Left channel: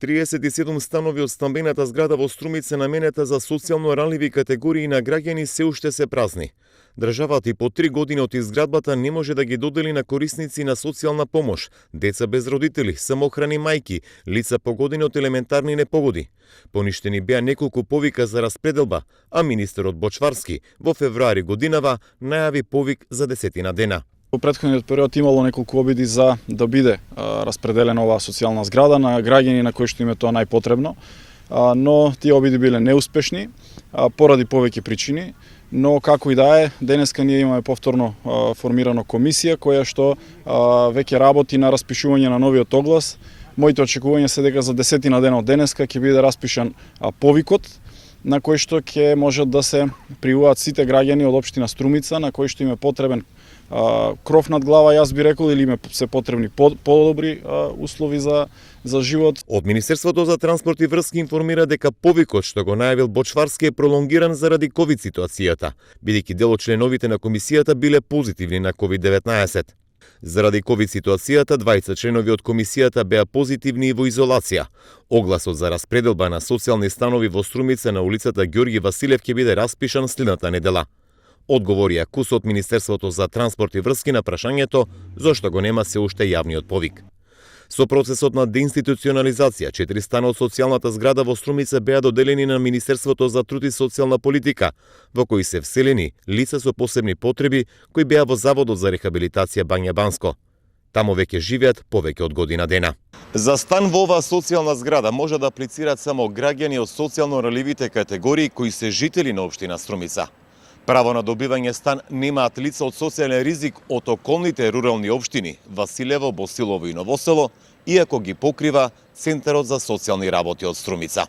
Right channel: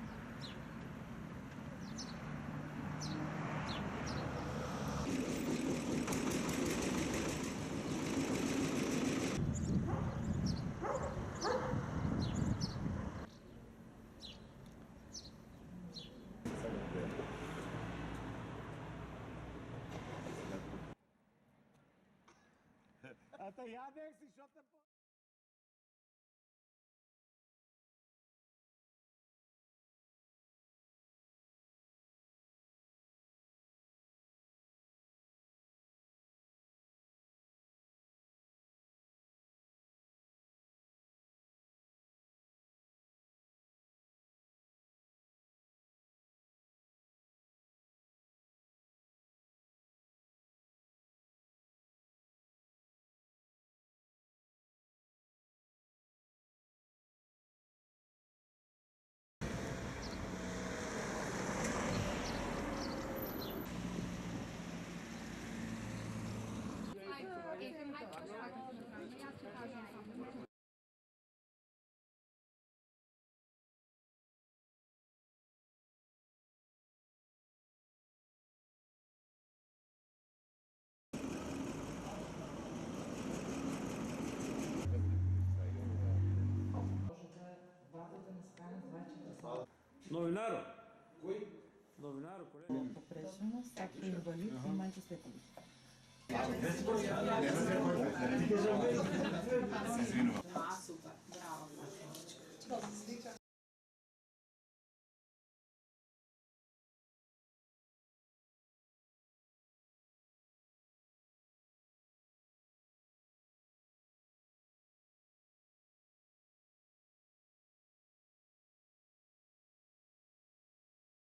37 станови од стамбената зграда во Струмица наменета за социјално ранливи категории на граѓани се уште се празни. Државата и по 3 години од изградбата не може да ги додели на корисници на социјална помош, деца без родители, самохрани мајки, лица погодени од елементарни непогоди. Поништени беа неколку повика за распределба, а министерот Бочварски во февруари годинава најави повик за 10 дена. Во претходниот период имало неколку обиди за да биде распределена оваа социјална зграда на граѓани на кои што им е тоа најпотребно, но тие обиди биле неуспешни поради повеќе причини. Но како и да е, денеска ние имаме повторно формирано комисија која што веќе работи на распишување на новиот оглас. Моите очекувања се дека за 10 дена од денеска ќе биде распишан повикот на кој што ќе можат да се пријават сите граѓани од општина Струмица на кои што им е потребен кров над глава, јас би рекол, или им се потребни подобри услови за живот. Од Министерството за транспорт и врски информира дека повикот што го најавил Бочварски е пролонгиран заради ковид ситуацијата, бидејќи дел од членовите на комисијата биле позитивни на COVID-19. Заради ковид ситуацијата, 20 членови од комисијата беа позитивни и во изолација. Огласот за распределба на социјални станови во Струмица на улицата Ѓорги Василев ќе биде распишан следната недела. Одговори Акус од Министерството за транспорт и врски на прашањето зошто го нема се уште јавниот повик. Со процесот на деинституционализација, 4 стана од социјалната зграда во Струмица беа доделени на Министерството за труд и социјална политика, во кои се вселени лица со посебни потреби кои беа во Заводот за рехабилитација Бања Банско. Тамо веќе живеат повеќе од година дена. За стан во оваа социјална зграда може да аплицираат само граѓани од социјално ранливите категории кои се жители на општина Струмица. Право на добивање стан немаат лица од социјален ризик од околните рурални општини Василево, Босилово и Новосело, иако ги покрива Центарот за социјални работи од Струмица.